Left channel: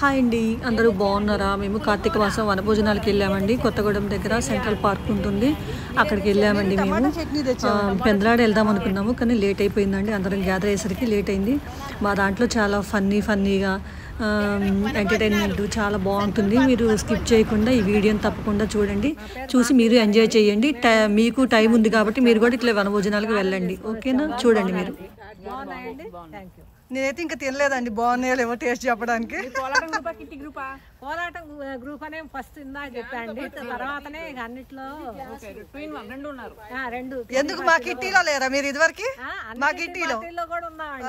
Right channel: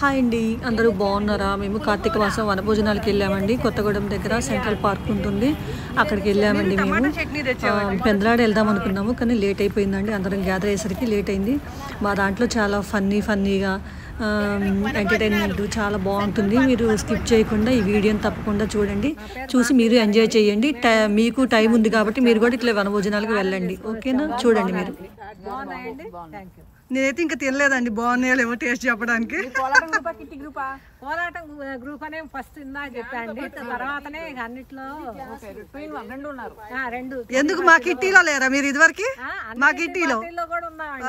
Hi అండి, అందరూ బాగున్నారా? మేము కార్తీక మాసం వనభోజనాలకు వెళ్ళామండి. కొత్తగూడెం దగ్గర సెంట్రల్ పార్క్ ఉంటుంది, అక్కడికి వెళ్ళామండి. మేము పెందలాడ వెళ్దాం అనుకున్నాము, కానీ లేట్ అయిపోయిందండి. అందరం గ్యాదర్ అయ్యేసరికి లేట్ అయింది. మా దాంట్లో చాలా ఫన్నీగా ఎంటర్టైన్మెంట్ చాలా బాగుంటుంది. మీరు స్కిప్ చేయకుండా ఈ వీడియోని తప్పకుండా చూడండి, చూసి మీరు ఎంజాయ్ చేయండి. మీకు టైం ఉంది కాబట్టి మీరు కూడా ఇట్లా వనభోజనాలకు వెళ్ళండి, ఓకేనా? చూడండి మీరు. నేనైతే ఇంకా తినలేదండి, బాగున్నాయో లేవో టేస్ట్ చెప్పడానికి. కోలాటం గ్రూప్ అనే ఫస్ట్ ఇందాక చెప్పండి, తర్వాతనే అన్నిట్లో రెండు. ఎందుకు మా కిట్టీలో లేరా మీరు? ఇదివరకు మా కిట్టీలో కూడా ఉన్నామండి.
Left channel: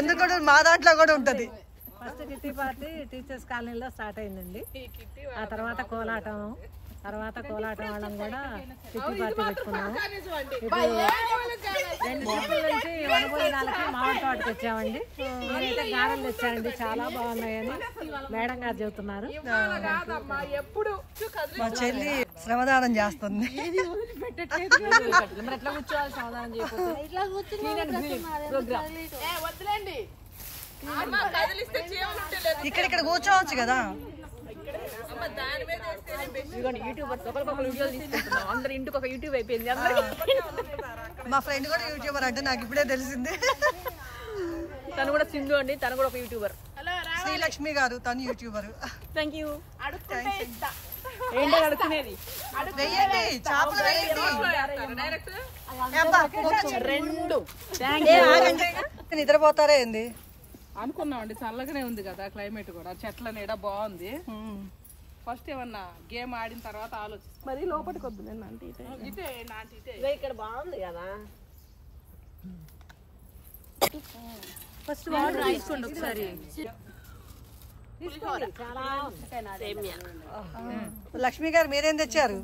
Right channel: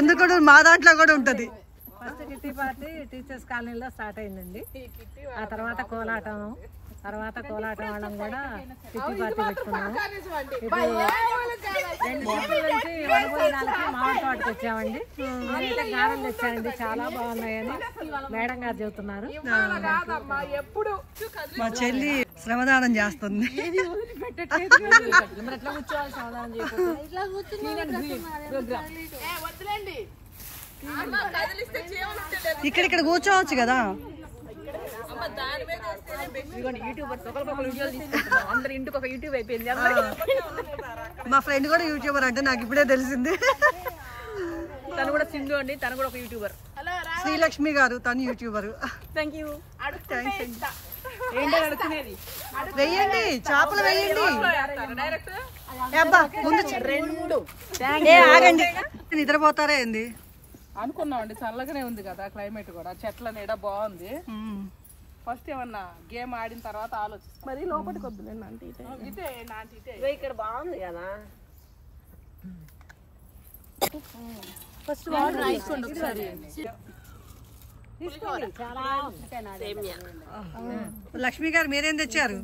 ఎందుకు మా దాంట్లో కూడా ఉంటది. ఫస్ట్ కిట్టి పార్టీ టీచర్స్ కాలనీలో స్టార్ట్ అయిందండి. ఆ తర్వాత కోలాటం వాళ్ళం కూడా కిట్టి పార్టీ పెట్టుకున్నాము. ఇప్పుడు 2 ట్రిప్పుల నుంచి వనభోజనాలకి మామిడి తోటకి వచ్చామండి. నేనైతే గారెలు తెచ్చానండి, చాలా బాగున్నాయని మేడం గారు చెబుతున్నారు. మా చెల్లి శ్రమదానం చేస్తుంది. ఎట్లా కూర్చోవాలి? శ్రమదానం ఇక్కడ కూర్చోవచ్చు కదా. అందరు ఇంటికి ఒక యూట్యూబ్ అయిపోయింది. మా ఫ్రెండ్ కూడా యూట్యూబర్ అంటే నాకు ఇప్పుడే తెలిసింది. తను కూడా సింధు అండి, తను కూడా ఒక యూట్యూబర్. శ్రీలక్ష్మి గారు, తను యూట్యూబర్. Thank you. వెయ్యండి, చేపలు వెయ్యండి. నిద్రపోతారా ఏంది అనుకున్నామండి. చల్లగానే ఉంది కదా క్లైమేట్, కూడా చెట్ల నీడ బాగుంది. ఫస్ట్ ఏమన్నా గేమ్ ఆడిన తర్వాత ఆలోచిస్తాం. మరి లోపలికి వద్దు, నేను అంటే ఇటే నాంటి ఇటే ఇక్కడ బాగుంది కదా. ఫస్ట్ వాటర్ రాసుకోండి ఒకసారి. లక్ష్మి గారు మీరేం తెచ్చారు?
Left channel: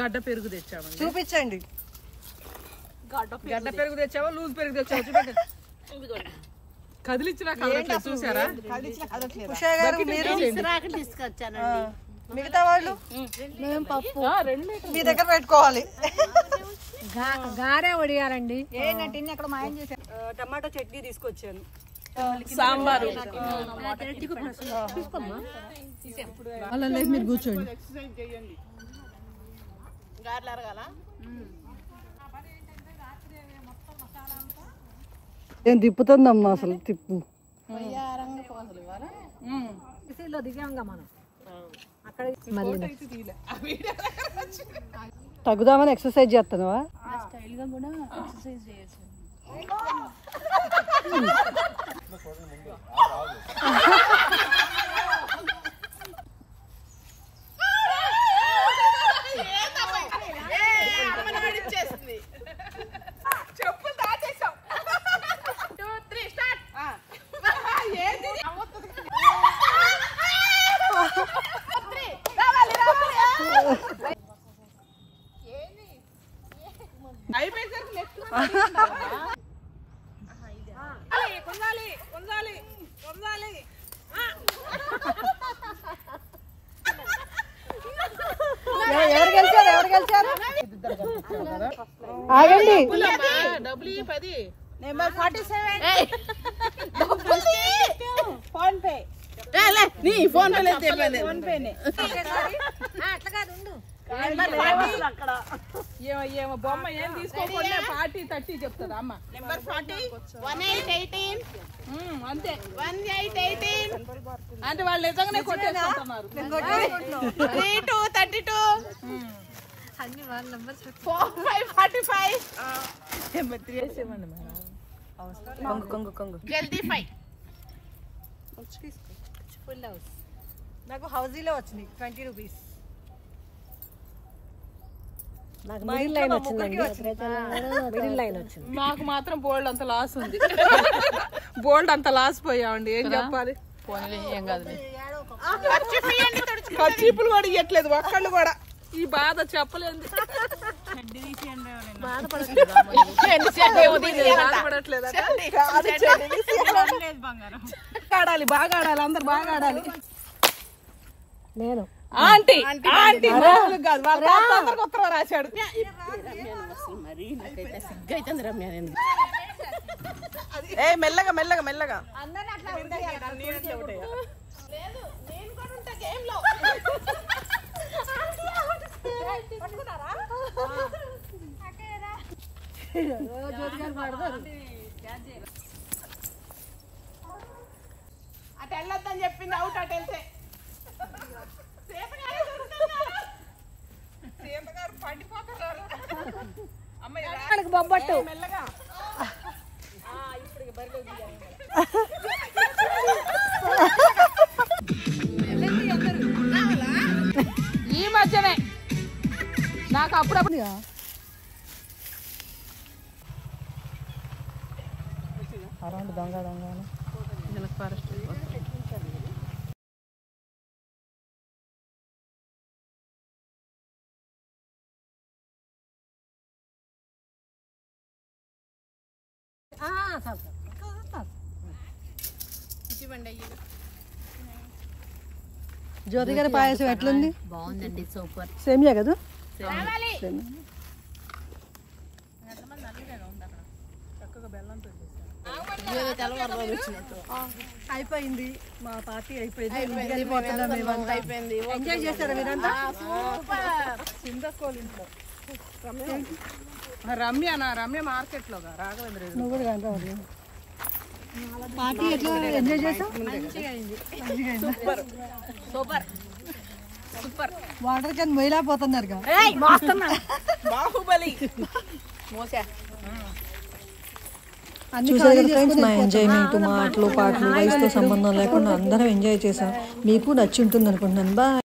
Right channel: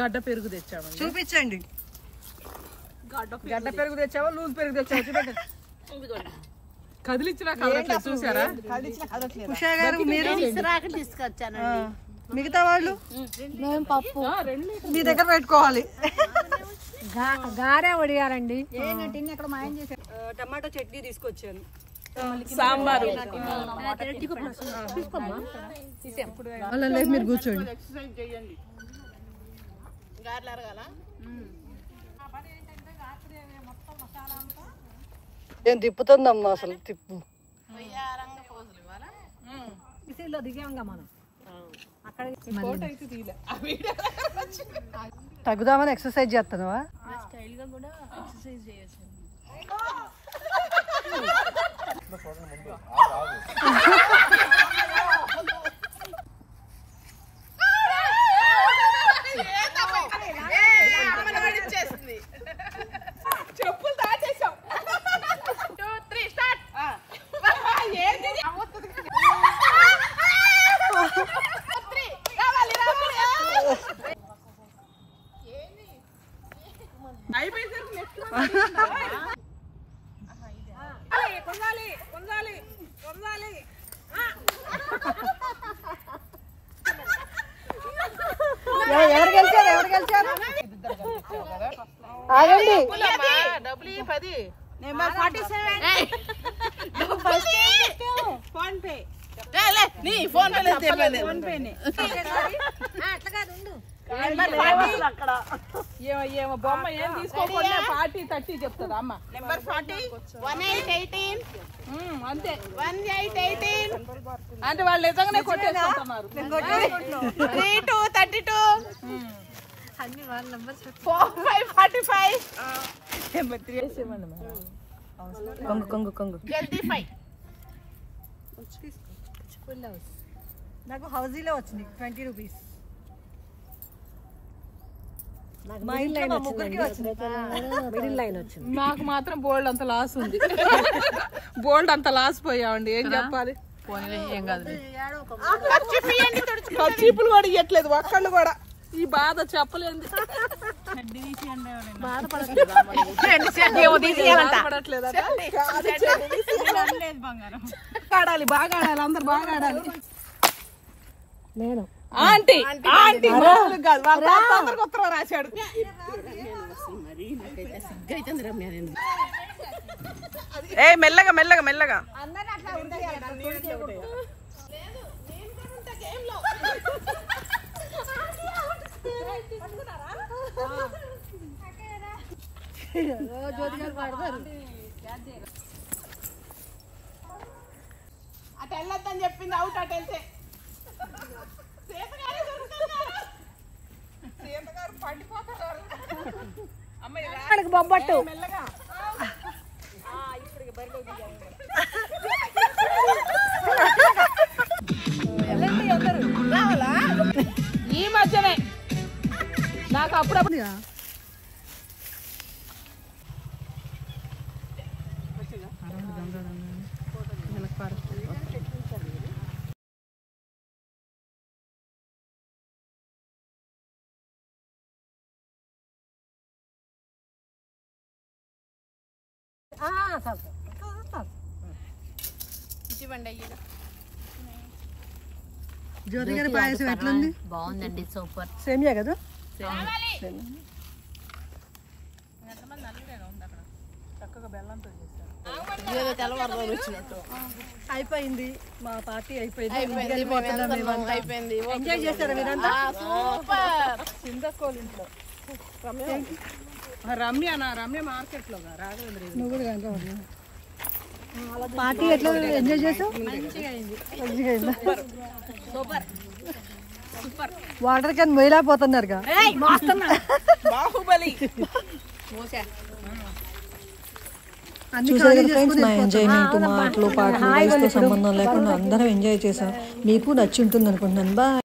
గడ్డ పెరుగు తెచ్చామండి, చూపించండి. గడ్డ పెరుగు తెచ్చావా లూజ్ పెరుగు తెచ్చావా? చూపెట్టండి. కదిలిచ్చినా కదలట్లేదు, చూసారా? ఉషా గారు మీరు తీసుకొచ్చానండి. మిగతా వాళ్ళు మీ దగ్గర పెట్టుకోవాలి. గారే వడియారండి. టమాటో చట్నీ తీసుకొచ్చాను, సాంబారు. అలా మీరు కూర్చోండి. ఎక్సర్సైజ్ చేయండి. నేను తిప్పుతుందమ్మా, అసలు తిప్పు. దిగాంగా మనం అక్కడ తగ్గుదామని ఎక్సర్సైజ్ చేస్తున్నావా? స్టైల్ గా కూడా ఎక్సర్సైజ్ చేయొచ్చు. చెప్పులు దాచేసాం. 2, 3 స్టార్ట్. డబ్బులు 10. నెంబర్ 47. Phone pay. నీ ఫోన్ పే లేదు, ఫోన్ పేనే. ఏమో బొమ్మ ఏం తీసుకోకుండా 40, 30 చెప్తుందా అమ్మ? నెంబర్ 40 1818. అంతే 1818 అంటే వాళ్ళు నిజంగానే కొట్టేసుకుంటున్నారు. 32 32 అన్ని వాళ్ళ నంబర్స్. 45 number 3 వేసేమండి madam. కొంగు జల్దీ 5 ఫుల్ హౌస్. నాకు హౌజీలో వచ్చింది 20 రూపీస్. మిడిల్ లైన్ వచ్చింది. నాకు మాత్రం బోల్డ్ అంత లాస్ ఉంది. బోల్డ్ అంత లాస్ పోయామండి, ఏం చెప్పాలి? ఏం కాదు, చీపులు కూడా ఇవ్వట్లేదు ఒక్కళ్ళు కూడా. ఈ బాధ చెప్పలేదు. ఆడాలి, బాగా ఆడాలి, అందరు బాగా ఆడాలి. నేను ఆంటీ ఉత్తరం రాశాడు. ఏ మెల్లగా మెల్లగా మెల్లగా అటు వెళ్ళొద్దని చెప్పింది అవుట్ అటు వెళ్తే సీతగారు పండిపోతారు అమ్మాయి బొబ్బట్టు మెల్లగా ఈ మధ్యనే నాకు అప్పుడప్పుడు దొంగ దొంగ ఫారెస్ట్ జ్యోతి గారి పాయసం ఎట్లుంది? బాగుందండి, సూపర్. సేమియా కదా? చక్కగా బెల్లంతో అయిపోయింది, మా పార్టీ అయిపోయింది. ఎంజాయ్ చేస్తారా మీరంతా? చింతకోలింట్లో రమ్య మార్కెట్ లో రాఘవేంద్ర నువ్వు కూడా కనుక పార్టీ ఎట్లా ఎంజాయ్ చేసావు? Super super super. Water can మొయ్యలేకపోతున్నారు. బాహుబలి చూసారు కదా ఫ్రెండ్స్, మా ఎంజాయ్మెంట్, మాటలు పాటలు వయసుతో సంబంధం లేకుండా అందరం ఎంజాయ్ చేసాం. మీకు నచ్చి ఉంటుంది అనుకుంటున్నాను. బాయ్.